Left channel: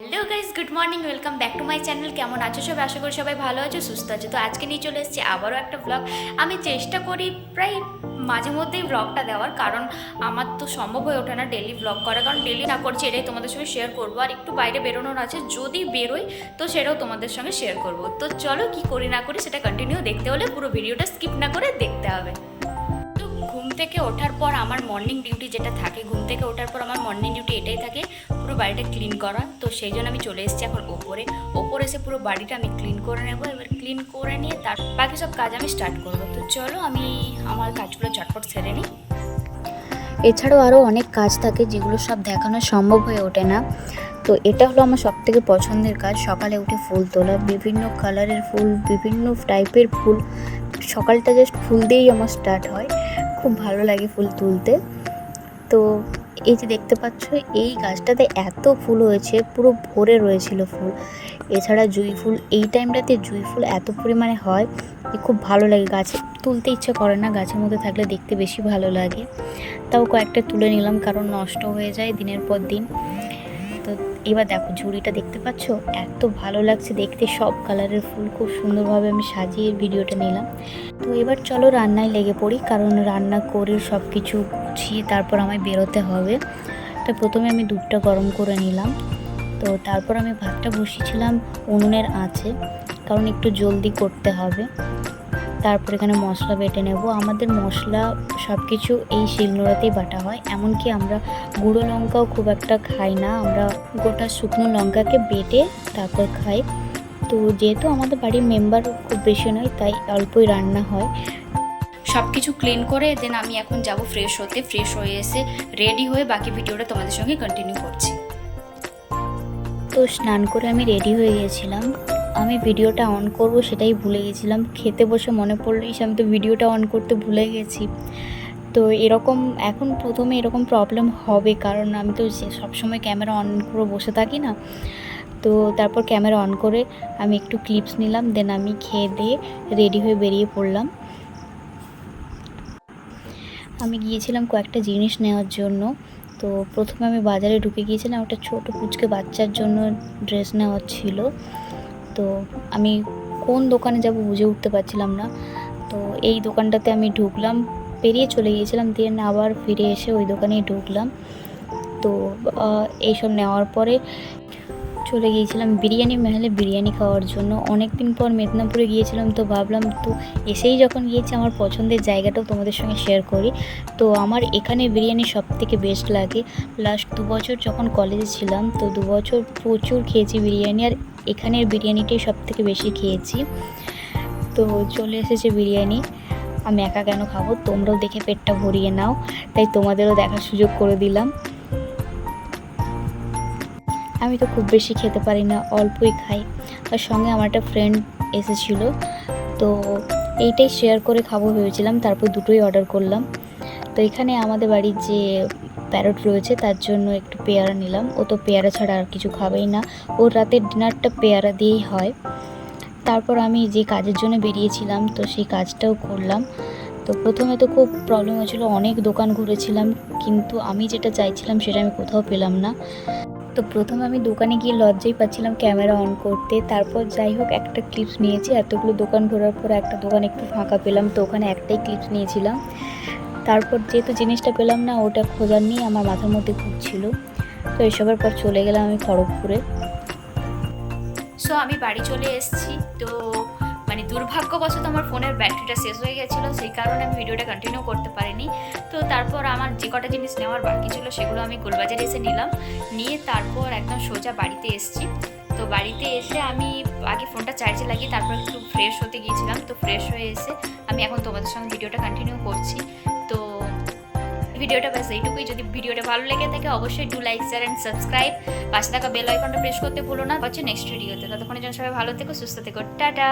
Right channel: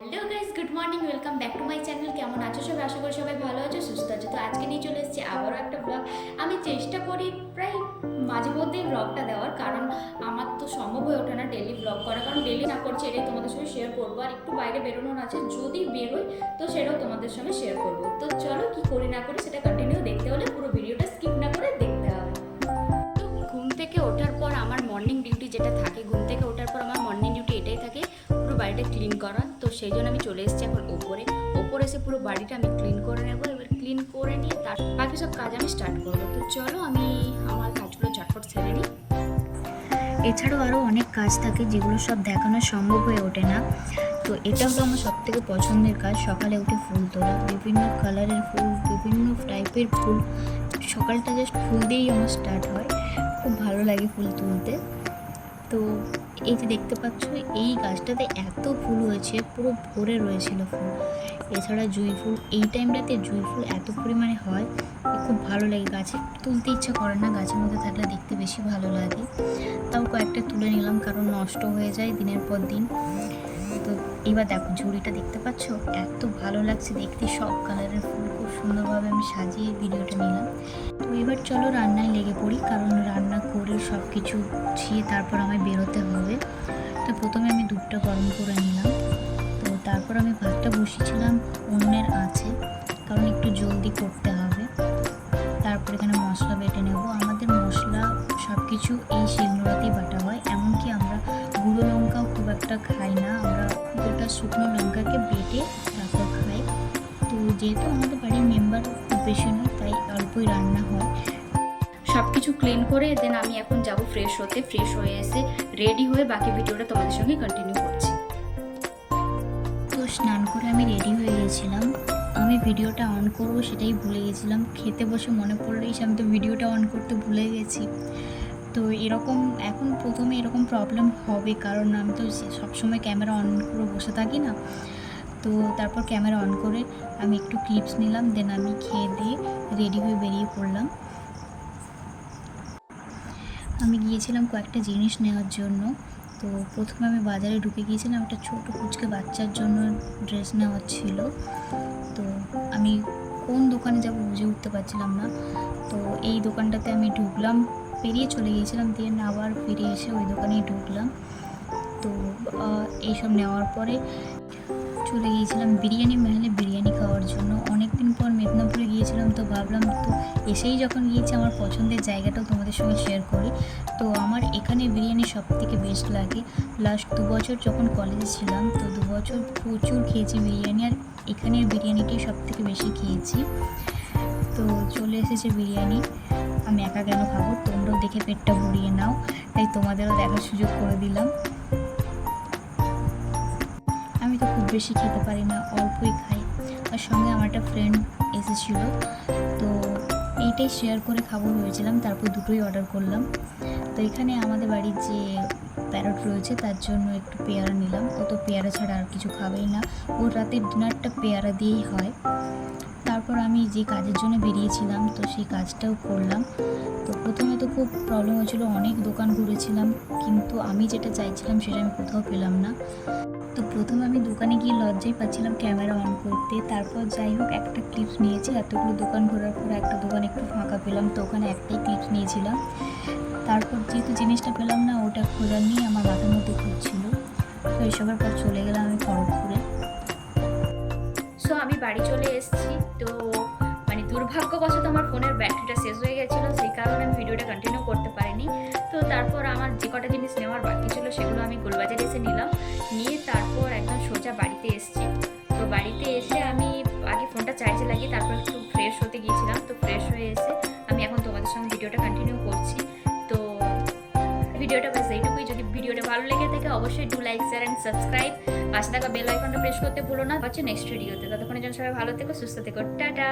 Hello guys good morning welcome back to my channel কেমন আছো সবাই? আশা করি সবাই ভালো আছো, সুস্থ আছো। তো আজকে নিয়ে চলে এসেছি আবারও একটা ব্লগ আমি চেষ্টা করি প্রায় মাঝে মধ্যেই ব্লগটা দেওয়ার, কারণ আমার তো সম্ভব হয়ে ওঠে না ডেলি ব্লগ করা। কারণ ডেলি না করছি, এটাই তোমাদের সঙ্গে শেয়ার করব। আর একটু বাইরে বেরোনোর আছে, যদি বেরোই, তো সেটাও তোমাদের সঙ্গে শেয়ার করব। তো চলো কি করি না করি সেটা কন্টিনিউ দেখতে হলে পুরো ভিডিওটা স্কিপ না করে দেখতে হবে। ঘুম থেকে ওঠার পর আমার মর্নিং ডিউটি যেটা থাকে, ঘুম থেকে ওঠার পর আমার মর্নিং ডিউটি এটাই থাকে। বাড়িটা ক্লিন করা। তো সেই জন্য আমি চলে এসেছি এখন ওপরে। ওপরে এসে পুরো বাড়িটা আমি ক্লিন করে নেব। এবার ক্লিন করে নিয়ে তার বাকি সব কাজ আমি স্টার্ট করব। তো চলো আমি আমার কাজগুলো ঝটপট সেরে নিই। এছাড়াও আরও অনেক কাজ থাকে যেগুলো সব দেখানো সম্ভব হয়ে ওঠে না। তো এটা হলো আমার সব থেকে পছন্দের কাজ। সকালে উঠে ফুল তোলা, বিভিন্ন কালারের ফুল, বিভিন্ন টাইপের ফুল। সকালটা জাস্ট ফুল দিয়েই আমার স্টার্ট হয়। খুব ভালো লাগে ফুল তুলতে। তো এই যে দেখতে পাচ্ছ, এই গাছটাতে এত ফুল হয়েছে, পুরো ভরে রয়েছিল ফুল। এছাড়া জুঁই ফুল, এই টাইমটাতে জুঁই ফুল এত পরিমাণে হয় খুব ভালো লাগে। গাছে তুলতে ইচ্ছে করে না, গাছের মধ্যে থাকলে দেখতে বেশি ভালো লাগে। তাও কয়েকটা তুলে নিলাম, কারণ নষ্ট হয়ে যায় দিনের পর দিন। তো এবার দেখো, ঝুড়িটা দেখতে পাচ্ছ? এত ভালো লাগছে দেখতে। সব কালারের ফুল, খুব সুন্দরভাবে আমি সাজিয়ে ভিডিওটা নিলাম। তো এবার চলো রান্নায় লেগে পড়ি, কারণ রান্না করে সব কিছু গুছিয়ে তারপর আমায় বেরোতে হবে। তো প্রথমে আমি দুধটা গরম করে নিলাম। তো তারপর আমি ভাতটা বসিয়েছিলাম উনুনের আঁচে, কারণ একটু জলদি করতে হবে। তারপর এখানে মশলা বেটে নেব। আমাদের মশলা সব কিছু এই শিলনোড়াতেই বাটা হয়। এমনকি আমরা গুঁড়ো লঙ্কাও খুব একটা খাই না। আমরা গোটা শুকনো লঙ্কাকে বেটে তারপর খাই। তো যেহেতু আমাদের বাড়ির মেম্বার খুব বেশি নয় তাই অল্পই রান্না হয়। সব কিছু ক্লিন করে দেন আমি এখন যাব ফ্রেশ হতে। ফ্রেশ হয়ে এসে রেডি হয়ে বাকি ভিডিওটা তোমাদের সঙ্গে কন্টিনিউ করছি। তো স্নান করে আমি রেডি হয়ে গেছিলাম। আমি ভিডিওটা অন করব সেটাই ভুলে গেছিলাম। খেতে বসে মনে পড়লেই সে আমি তো ভিডিওটা অন করতে ভুলে গেছি। তো এরকম, এখন প্রথমে এরকম প্রবলেম হবে, কারণ আমি তো সবসময় ক্যামেরা অন করে বসে থাকি না। তো তারপর ক্যামেরা অন করে আমি একটু ক্লিপস নিলাম দেন আমি খেয়ে দিয়ে রেডি হয়ে বেরিয়ে পড়লাম। আমি গিয়েছিলাম কয়েকটা জিনিস নেওয়ার জন্য। তো প্রথমে আমি বাজারে ঢুকে গিয়েছিলাম, একটা ছোটো কুচকে বাচ্চার জন্য ড্রেস নেওয়ার ছিল। তো আমি কোন দোকানে যাব বুঝে উঠতে পারছিলাম না। তো এই দোকানটাতে আমি ঢুকলাম, পেরিয়ে চলে গিয়েছিলাম, দিয়ে আবার ফিরে এসে ওই দোকানেই ঢুকলাম। তো এইসব নেওয়ার পরে চলে গিয়েছিলাম বিরিয়ানি মহলে বিরিয়ানি খাওয়ার জন্য। অনেক দিন পর মেদিনীপুরে গিয়েছিলাম তো ভাবলাম, তো এসেই যখন গিয়েছি আমার পছন্দের জায়গাটাও তোমাদের সঙ্গে শেয়ার করি। তো আমার এখানে বিরিয়ানি সব থেকে বেস্ট লাগে। লাস্ট দু বছর যখন কলেজে ছিলাম, তো দু বছর প্রচুর খেয়েছি বিরিয়ানি। আর এখানের বিরিয়ানিটাই সব থেকে বেশি খেয়েছি। তো চলে এসেছে বিরিয়ানি। আমি একা কেন খাব? তোমরাও দেখে পেটটা ভরিয়ে নাও। তাই তোমাদেরও দেখার সুযোগ করে দিলাম। আমি তো খুব বেশি খেতে পারি না, অল্পই খাই। আর সঙ্গে আমার একটা ফ্রেন্ড এসেছিল। তো এইটাই শেয়ার করে খাব ভেবেছিলাম। তারপর দুটোই অর্ডার করলাম। তো এখানে আমাদের বাড়ির যে প্যারট রয়েছে, তার জন্য একটু পেয়ারা নিলাম। ও তো পেয়ারা ছাড়া আর কিছু খাবেই না। ওর রাতের ডিনারটা পেয়ারা দিয়েই হয়। তারপর আমি যে কাজের জন্য বেরিয়েছিলাম, তো সেই কাজটাও করলাম। তো প্রথমে তো খুব প্রবলেম হয়েছিল, অনেক দোকান ঘুরেছিলাম, কিন্তু আমি যেটা চাইছিলাম সেটা আমি কোথাও পেলাম না। তো প্রথমে আমি দোকানে গিয়ে লজ্জাই পাচ্ছিলাম ক্যামেরা অন করতে। তারপর যাই হোক, একটা ক্লিপস নিয়েছি। এতগুলো দোকান ঘোরার পর একটা দোকান একটু ফাঁকা পেলাম, তো ওখানে একটাই ক্লিপস নিয়েছিলাম। তারপর যেহেতু জিনিসটা পেলাম না, ওটা খোঁজার নিয়ে আমার মাথার মধ্যে ঘুরছিল তো এসবের পর চলে গেলাম আমি খড়গপুরে। সো আমি বাড়ি চলে এসেছি। তো মানে দুর্ভাগ্যবশত আমার ফোনের ব্যাটারিটা শেষ হয়ে গেছিল, সেই কারণে আমি ভিডিওটা কন্টিনিউ করতে পারিনি। তো তারপর আমার যে কটা জিনিস নেওয়ার বাকি ছিল, সেগুলো আমি গোলবাজারে এসে নিলাম। নিয়ে তারপর একদম সোজা বাড়িতে এসেছি। তো বাড়িতে এসে আমি আগে ফোনটা চার্জে লাগিয়ে তারপর একটু ফ্রেশ হতে গিয়েছিলাম। তো ফ্রেশ হয়ে এসে আমি এখন তোমাদের সঙ্গে ভিডিওটা কন্টিনিউ করছি। তো ভিডিওটা ব্যাস এইটুকুই। যদি ভিডিওটা ভালো লেগে থাকে, অবশ্যই do like share and subscribe পাশে থাকা বেল আইকনটা প্রেস করতে ভুলো না। হচ্ছে নেক্সট ভিডিওতে ততক্ষণের জন্য সবাই ভালো থেকো, সুস্থ থেকো। টাটা!